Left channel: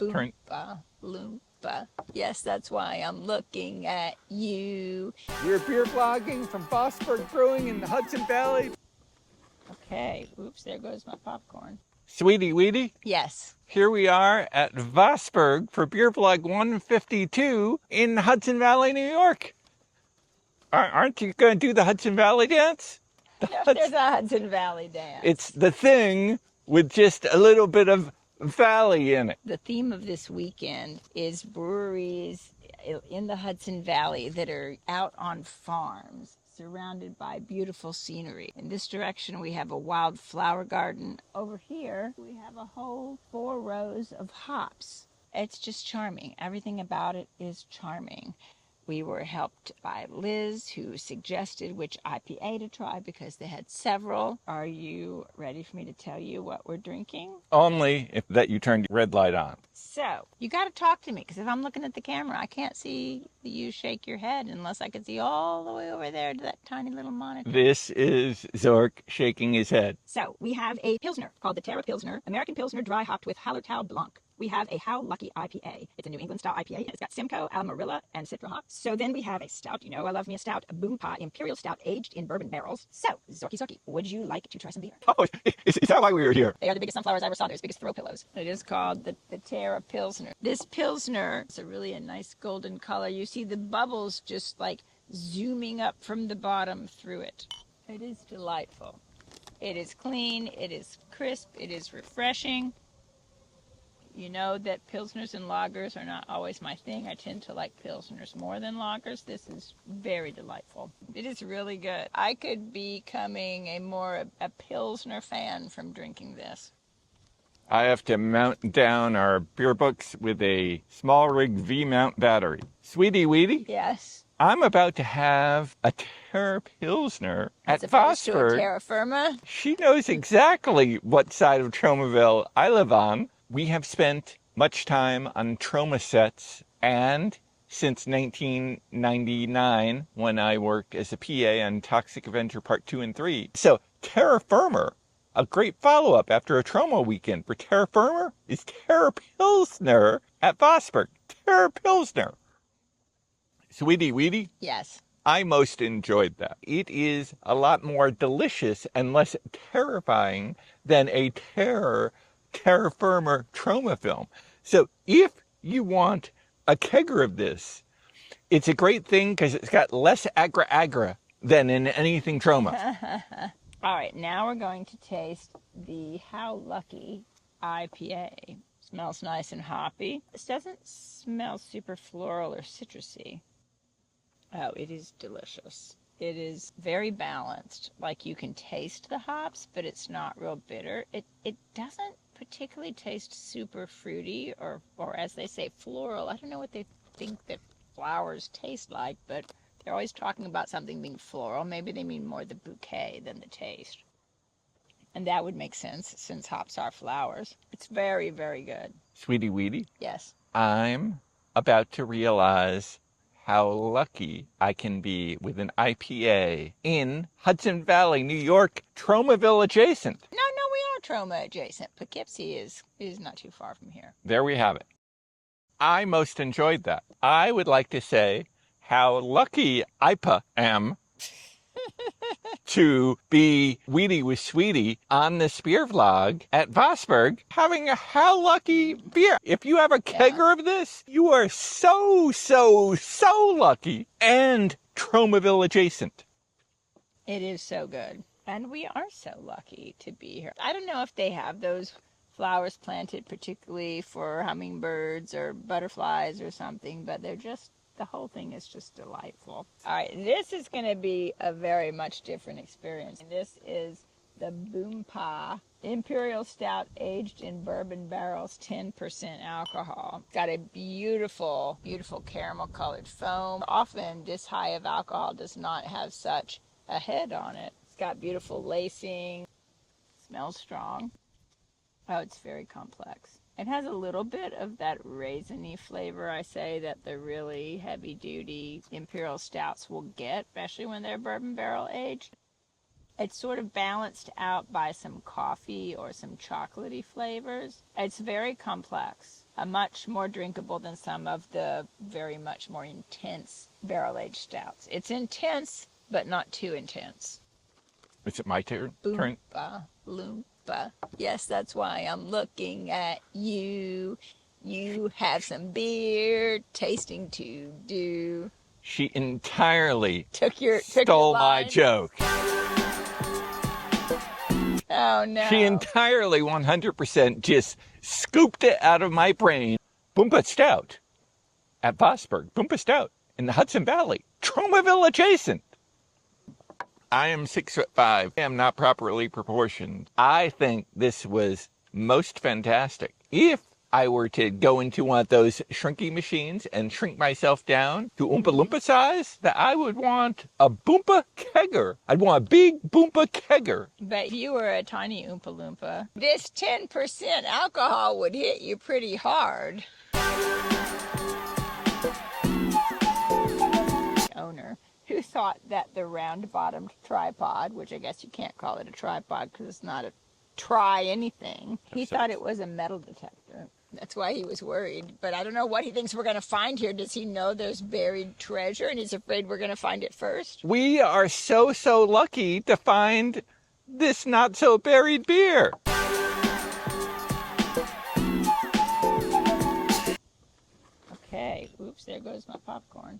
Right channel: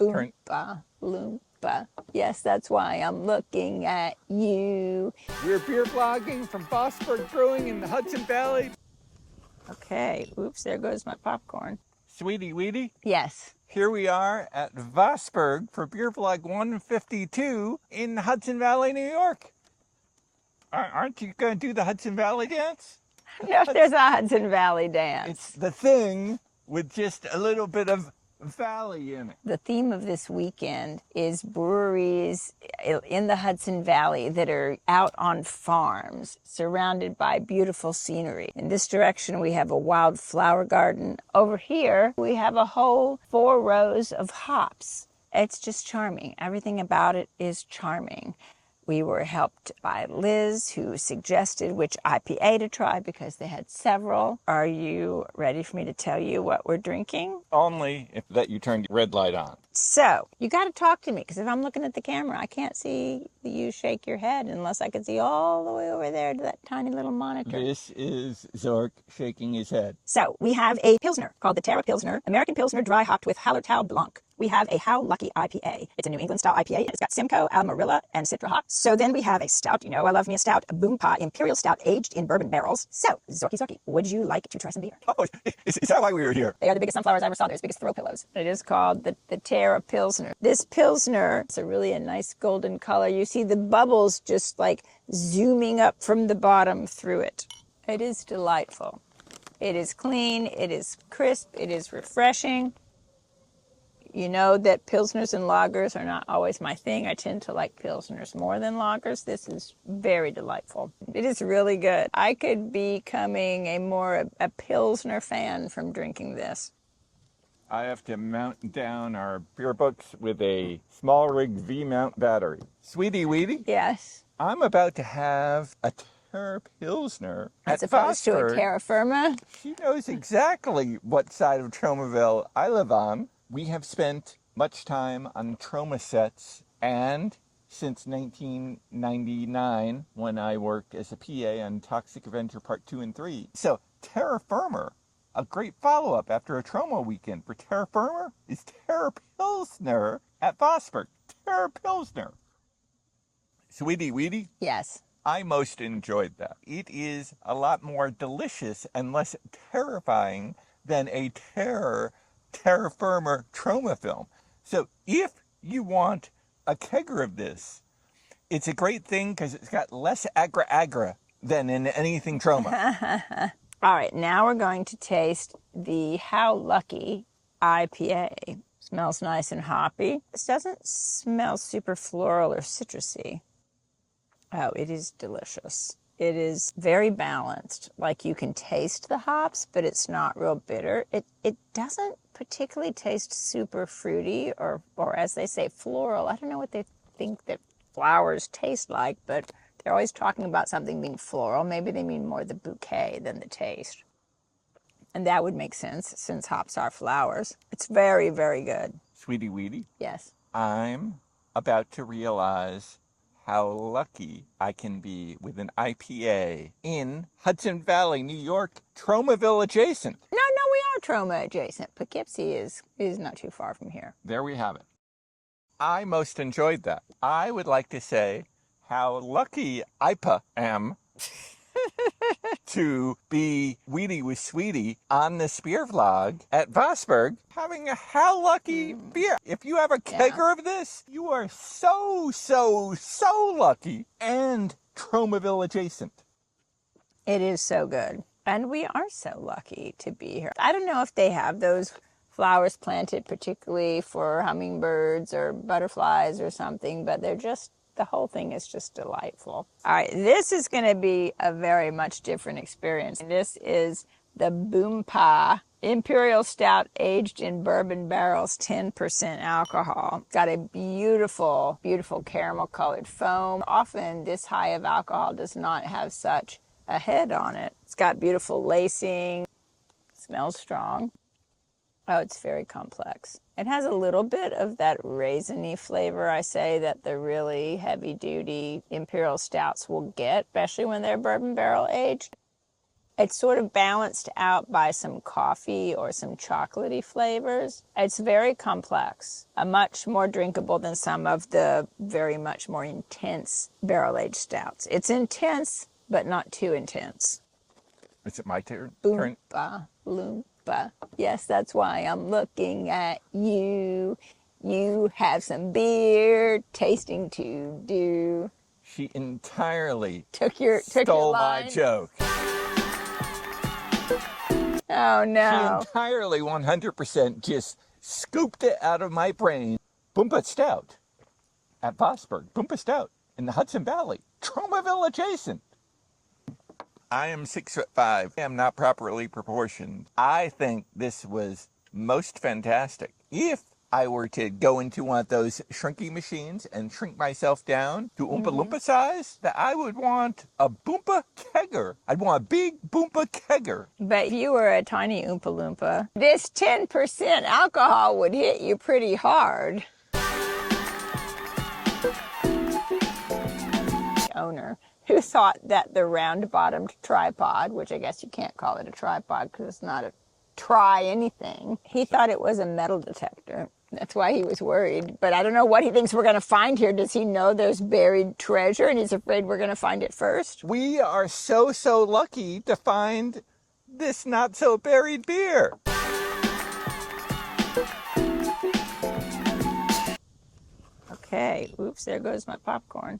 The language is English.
Boompa, loompa. Yes, that's why I'm looking at you. We're beer vlogging from Vosburgh Brewing in the Hudson Valley. Okay, oops, there goes my popcorn. Sweetie Weetie, Yes. here we are at Vosburgh for Beer Vlog 152 in Hudson Valley, New York. Aren't you going to do the Hudson Valley dance? Yes, there's a Hudson Valley dance. It's the thing with just a little bit of valley in it. The theme of this weekend is breweries in the Hudson Valley that are out on farms, surrounded by beautiful scenery. In this direction, we have a wildflower garden. Over here, we have a whole 4 rows of hops. It's just charming. Everything about it is charming. We were helped by Liz, who suggested which IPA to try because they had several. Are you ready for me to tell you what we're drinking? Only if that you turned your red light on. So, you got to talk to me because if I'm looking at the camera, I can't see you shake your head unless I could see all the way over there to that tiny little monitor. This is Zork shaking his head. So, we have a Pilsner called the Terra Pilsner, American Pilsner dry hopped with Hallertau Blanc. We have a How Lucky IPA. It's a New England style IPA. It's got Simcoe, Amarillo, and Citra hops. So then we have a stout. You know I love me a stout. A BOOMPAH Imperial stout aged in bourbon barrels. So, Zorky, would you like to try some beer? Oh, is that why we were here? They are the biggest sunflowers I ever saw. They're as big as throw pillows. It is called the Terra Pilsner. This Pilsner is a nice golden color. You see the bubbles just like zooming up from the bottom through it. It is delightful. It is clean. It is crisp. It is refreshing. You know that Pilsners and lagers are not always my thing. I tend to like Pilsners more than lagers. This is very delightful. It is really good. I could be becoming a Pilsner fan from drinking this. I have to mount down our beer books with a small rig V-mount battery. Sweetie Weetie? Yes. I'm about to have a Terra Pilsner As at opposed to a Vosburgh. Terra Firma. She knows exactly what side of Tromaville I live on. We have spent much time on Troma sets, and since 1999, when I worked as a PA on Toxic Avenger Part 2 and 3. So Terra Firma, a great follow-up after a Troma weekend for Terra Firma, is Terra Pilsner at Vosburgh. Terra Pilsner. Sweetie Weetie? Yes. I most enjoyed that. It is a lot more delicious and less terrifying than a terra firma Troma film. So if you want a kegger of this, it's a great thing because it's got less agra than in anything Troma. All right, now we're going to taste the How Lucky IPA. Smells nice and hoppy. This doesn't smell super floral or citrusy. Oh, it is delicious. It is very balanced. Like you can taste the hops, but it's not real bitter. It doesn't particularly taste super fruity or as they say, floral. I don't know what they think that flowers taste like, but they're always talking about something being floral. Maybe they mean more the bouquet than the taste. And that would make sense since hops are flowers. It's very, very good. Sweetie Weetie? Yes. I'm about to realize how lucky I can be with an IPA in Hudson Valley, New York, Tromaville adjacent. No, we are Troma adjacent. Poughkeepsie is not too far from here. There we have it. I most enjoyed that. I would like to say how lucky IPA am to be Weetie with Sweetie on this beer vlog at Vosburgh having a How Lucky beer. If you have a kegger of this, you are so lucky and Tromaville adjacent. It is so good. And we are so lucky to be here. I don't know if they have those flowers planted particularly for hummingbirds or butterflies or something, but the whole thing is just delightful. All right, this is going to be a very much different experience. This is the BOOMPAH Imperial Stout aged in bourbon barrels, 10% alcohol. It's got a beautiful, beautiful caramel colored foam. Often this high of alcohol does not have such a head on it. It's got beautiful lacing, smells strong. Oh, it's very complex. It has a little bit of that raisiny flavor, I say, that the really heavy-duty Imperial Stouts will get, especially when they're bourbon barrel aged. It's sort of balanced out by some coffee or some chocolatey flavors. It's very complex, much more drinkable than some of the very much more intense barrel-aged stouts. It's intense, but not too intense. Is it my turn? Boompa, loompa. Yes, that's why I'm looking at you. You have some beer tasting to do. She entirely Took your stole my line. joke. Oh, no. She entirely 100% just scooped it out of my brain. BOOMPAH Stout at Vosburgh. BOOMPAH Stout in the Hudson Valley. Tromaville adjacent. I am 6'5". I am not properly proportioned. I think this was most fantastic. If I were to go into one of those shrinking machines and shrink myself down to Oompa Loompa size, that I would want a BOOMPAH kegger. I'd want a big BOOMPAH kegger. But if you were a tiny Oompa Loompa, this 10% alcohol would hit you pretty hard. Owner who thought that the round-bottomed tripod, which I guess you can't call it a tripod because it's not a try anything, he thought it was a metal detector. That's why he was worried. But I don't know what he thinks we're going to find here. Does he know there's buried treasure and he's afraid we're going to find it first? We are so lucky to find this not-so-buried beer. Okay. Oops, there goes my popcorn.